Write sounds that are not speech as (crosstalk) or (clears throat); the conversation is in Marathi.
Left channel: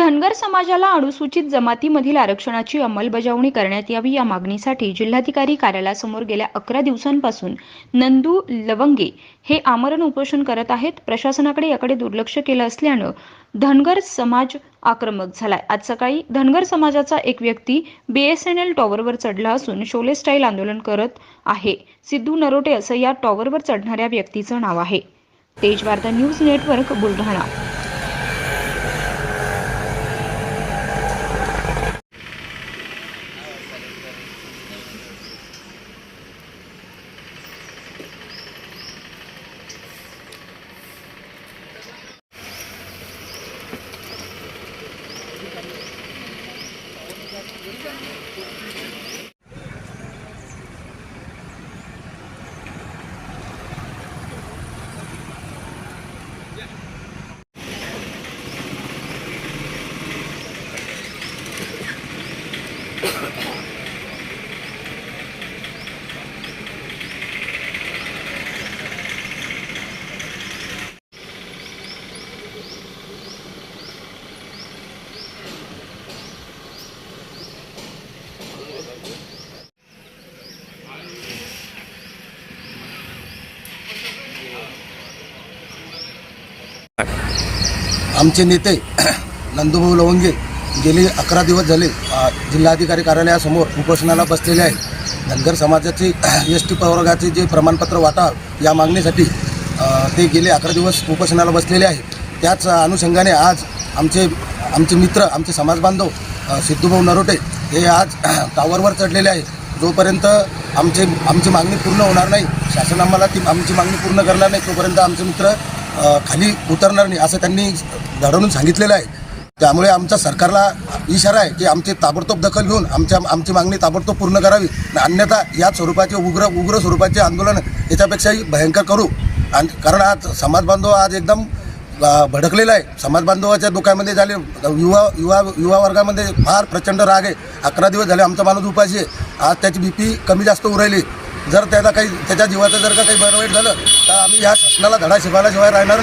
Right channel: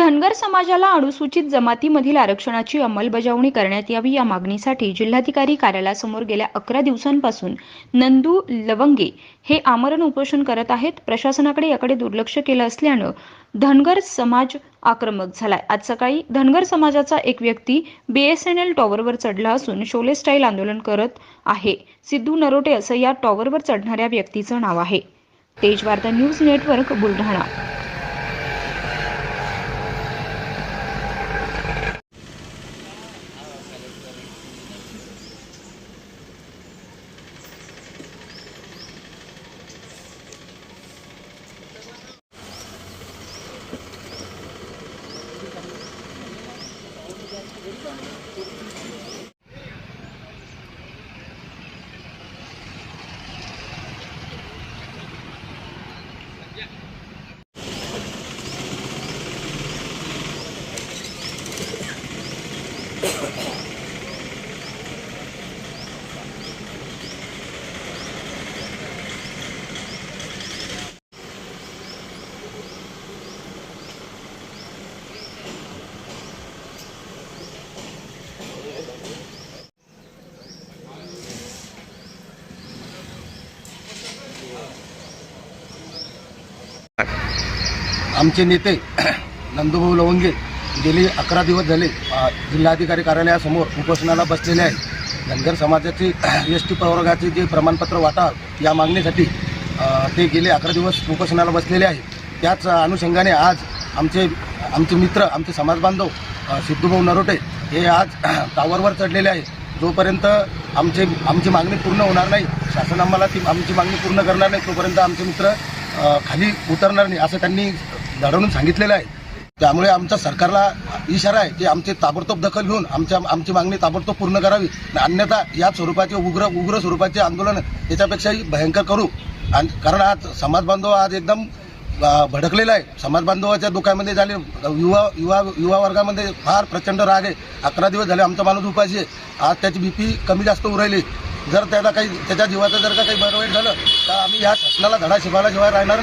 धनगर समाजाला अनुसूचित जमातीमधील आरक्षणाची अंमलबजावणी करण्यात यावी या मागणीसाठी जिल्हाधिकारी कार्यालयासमोर गेल्या अकरा दिवसांपासून नंदू लवंगे हे आमरण उपोषण करत आहेत. प्रशासनाकडे याकडे दुर्लक्ष केलं असल्यानं धनगर समाज आक्रमक झालाय. आज सकाळी धनगर समाजाचा एक व्यक्ती बीएसएनएल टॉवरवर चढला असून शोले स्टाईल आंदोलन करत आहे. सिद्धू नरोटे असं या टॉवरवर चढणाऱ्या व्यक्तीचं नाव आहे. Tej Varta news network Buldhana. आमचे नेते (clears throat) नंदूभाऊ लवंगे गेले अकरा दिवस झाले. जिल्हाधिकारी कार्यालयासमोर उपोषणाला बसलेले आहेत. धनगर समाजाचे (clears throat) एस टी प्रवर्गाचे जे प्रमाणपत्र वाटा या मागणीसाठी ते गेले अकरा दिवस उपोषणाला बसलेले आहेत. त्याच अनुषंगाने आज आमचे आमचे मित्र आमचे समाजबांधव सिद्धूभाऊ नरोटे हे आज (clears throat) टावरवर चढलेले आहेत. जोपर्यंत आमचे आमची मागणी पूर्ण होणार नाही शासन आम्हाला ती आमची मागणी पूर्ण करणार नाही तोपर्यंत आमचे मित्र खाली उतरणार नाही असं त्यांनी घडवून सांगितलेलं आहे. त्यामुळे आमच्या सरकारला इशारा आहे की आमची ताबडतोब दखल घेऊन आमच्या आमची मागणी ताबडतोब पूर्ण करावी. अन्यथा या स्वरूपाचे उग्र उग्र स्वरूपाचे आंदोलन याच्यापेक्षाही भयंकर करू. आणि कारण आज समाज बांधव आज एकदम भडकलेला आहे. समाज बांधवाच्या डोक्यामध्ये झाले युवा युवा युवा वर्गामध्ये फार प्रचंड राग आहे. अकरा दिवस झाले आमचा माणूस उपाशी आहे. आज त्याची बी पी कमी जास्त उरायली जर त्याचा काही त्याच्या जीवाचं जर का काही बरं वाईट झालं तर आम्ही या शासनाला धडा शिवायला शिवाय राहणार नाही.